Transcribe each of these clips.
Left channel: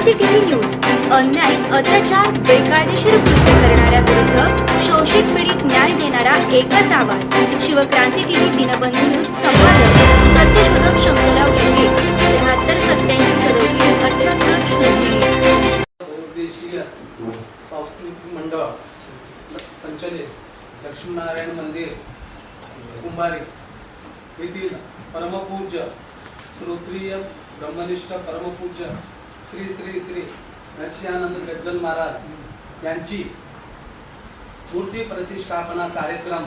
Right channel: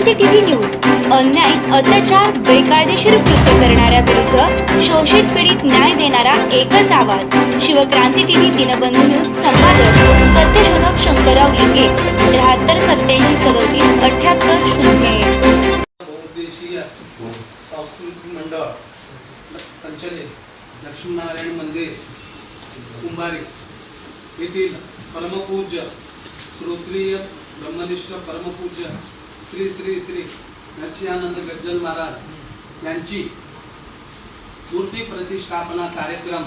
Shivkranti TV news अन्याय, अत्याचार, बेकायदेशीर कृत्य करणाऱ्या विरुद्ध शोषित पीडित न्याय देणारा एकच आवाज। शिवक्रांती टीव्ही दिनबंधू न्यूज संपादक सत्यशोधक शंकरराव लिंगे 73 87 37 78 0। बहुउद्देशीय सांस्कृतिक मंडळ संचलित लक्ष्मीनारायण मंदिर कुंभारी येथील परमपूज्य श्रोत्रिय ब्रह्मनिष्ठ परमपूज्य श्री श्री श्री नरसिंहानंद गज्जल महाराज यांची मूर्ती प्रतिष्ठापना कार्यक्रम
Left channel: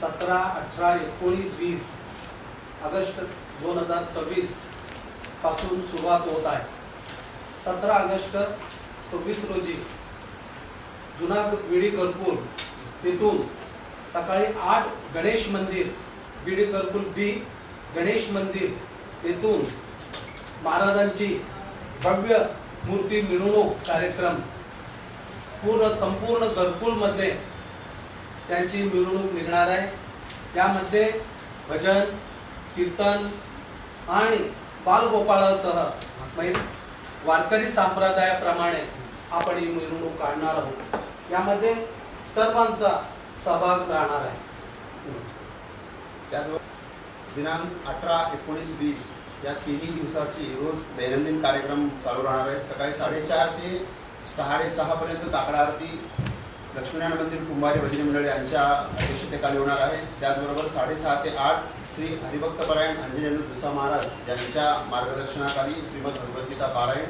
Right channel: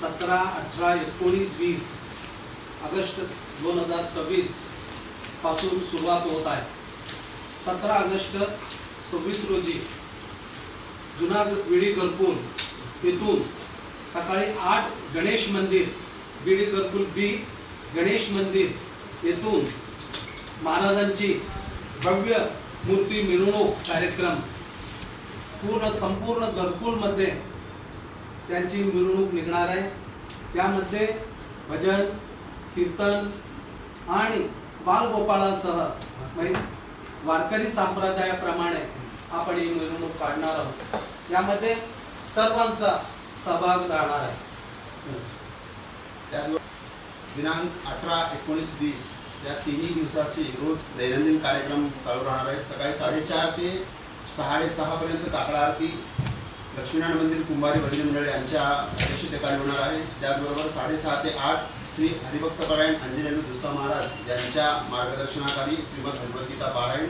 17, 18, 19, 20 ऑगस्ट 2026 पासून सुरुवात होत आहे। 17 ऑगस्ट 26 रोजी जुना विडी घरकुल येथून सकाळी 8 गणेश मंदिर विडी घरकुल बी गणेश मंदिर येथून महाराजांची भव्य मूर्ती मिरवणूक कार्यक्रम संपूर्ण घरकुलमध्ये त्यांची मिरवणूक निघणार आहे। यामध्ये भजन, कीर्तन आणि बालगोपाळासह वारकरी संप्रदायाप्रमाणे आपण ही मिरवणूक काढणार आहोत। यामध्ये सर्वांचा सहभाग राहणार आहे। दिनांक 18, 19, 20 या तिन्ही दिवसाची रोज दैनंदिन कार्यक्रम चालू राहणार आहेत। सकाळी 4:30 ते 6:30 पर्यंत काकडा आरती लक्ष्मीनारायण मंदिर कुंभारी भजनी मंडळ यांच्या अध्यक्षतेखाली होणार आहे। त्याचबरोबर 6:30 ते 8 श्री हरिभक्तपरायण अंजनेरी दुस्सा महाराज यांच्या मार्गदर्शनाखाली श्रीमद भगवद्गीता पारायण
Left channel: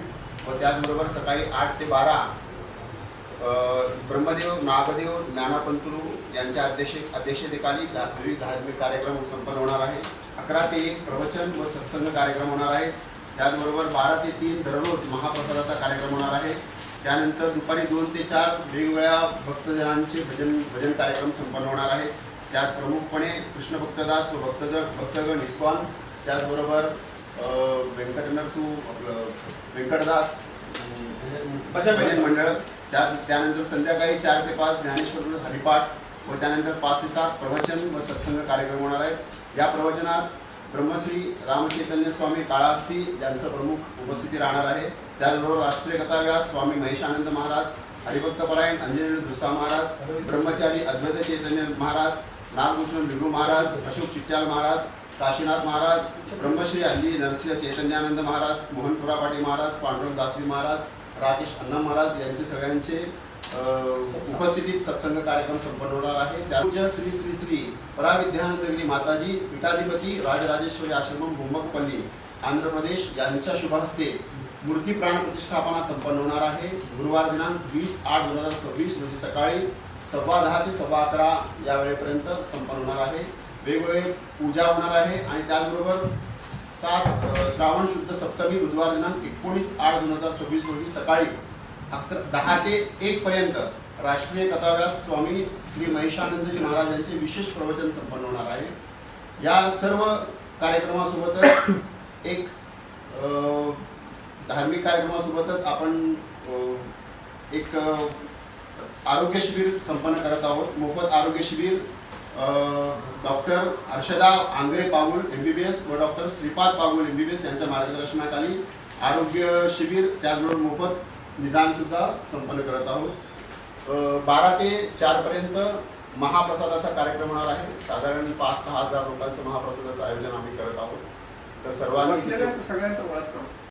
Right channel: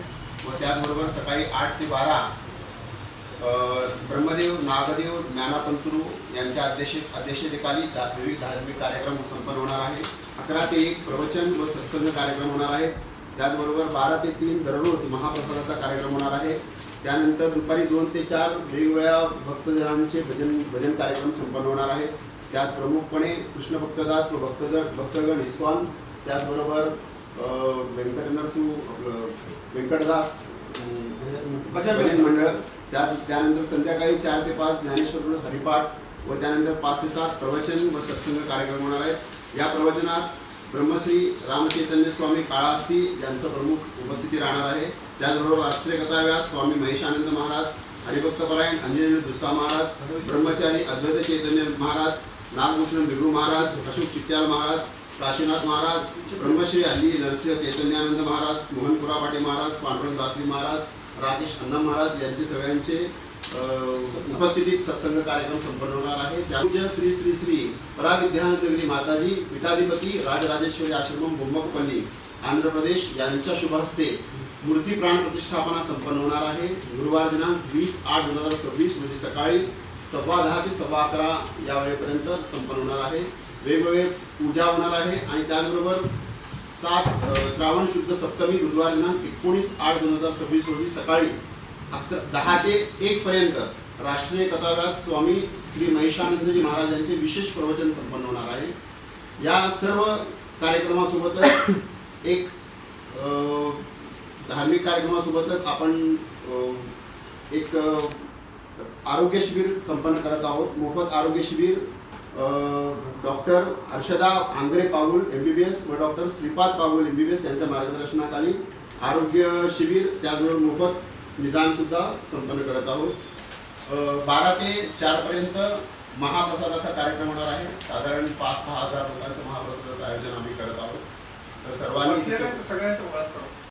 व त्याचबरोबर सकाळी 8 ते 12 ब्रह्मदेव नागदेव ज्ञानापंतुरू यांच्या अध्यक्षतेखाली विविध धार्मिक कार्यक्रम संपन्न होणार आहे। 11 ते 1 प्रवचन व सत्संग कार्यक्रम होणार आहे। त्याचबरोबर 12 ते 3 दररोज महाप्रसादाचा कार्यक्रम होणार आहे। त्यानंतर दुपारी 2 ते 4 वेगवेगळ्या भक्तजनांचे भजन कार्यक्रम संपन्न होणार आहेत। त्यात प्रमुखपणे कृष्ण भक्तदास व भक्तगण इस्कॉन, त्याचबरोबर व्यंकटदास भजन मंडळ, त्यानंतर संध्याकाळी 4 ते 5 ज्ञानेश्वर हरिपाठ व त्यानंतर 5 ते 7 प्रवचन व सत्संग कार्यक्रम होणार आहेत। या प्रवचनात ब्रह्मश्री रामचैतन्य स्वामी काळास्ती यांचं प्रमुख उपस्थिती राहणार आहे। त्याचबरोबर राष्ट्रीय कथाव्यास स्वामी महेशानंद महाराज, हरिभक्तपरायण अंजनेरी दुस्सा महाराज, ब्रह्मचारी अद्वैत चैतन्य महाराज, नागभूषण विभू महाराज, अशोक चिट्याल महाराज, काशीनाथ महाराज, ब्रह्मश्री हल्ली नरसिंह चैतन्यानंद महाराज, मोहनपुरा पाटी महाराज, पांडुरंग दासरी महाराज, राजेश अण्णा महाराज यांचे सगळ्यांचे उपस्थितीत सत्संग कार्यक्रम संपन्न होणार आहे। पूज्य श्री श्री श्री पराविद्यानगरी माताजी पीठाधिपती राजराजेश्वरी आश्रमम बोंबकपल्ली आंध्र प्रदेश यांच्या शुभ हस्ते मूर्ती प्राण प्रतिष्ठापना संपन्न होणार आहे। गुरुवार दिनांक 20/8/2026 रोजी सकाळी 10:15 ते 11:15 या वेळेपर्यंत संपन्न होणार आहे। वेगवेगळे पूजा होणार आहे आणि त्याचबरोबर 7 श्रावण शुद्ध सप्तमी बुधवार दिनांक 19/8/2026 रोजी सकाळी 10 ते 1 पर्यंत राष्ट्रीय कथाव्यास स्वामी श्री महेशानंदजी महाराज यांचे विशेष प्रवचन संपन्न होणार आहे। या सर्व कार्यक्रमासोबतच एक धार्मिक कार्यक्रमासोबतच आपण एक आरोग्य शिबिर संपन्न करत आहोत। मोफत आरोग्य शिबिर डॉक्टर हर्षदा आंग्रे पाऊल MBBS व डॉक्टर श्रीपाद पाऊल MBBS यांच्या मार्गदर्शनाखाली आरोग्य शिबिर, त्याचबरोबर मोफत निदान सुद्धा संपन्न करत आहोत। 12 ते 4 पर्यंत महाप्रसादाचा कार्यक्रम होणार आहे। साधारण 5-6 हजार लोकांचं महाप्रसादाचं आयोजन आम्ही करत आहोत। तर सर्वांनी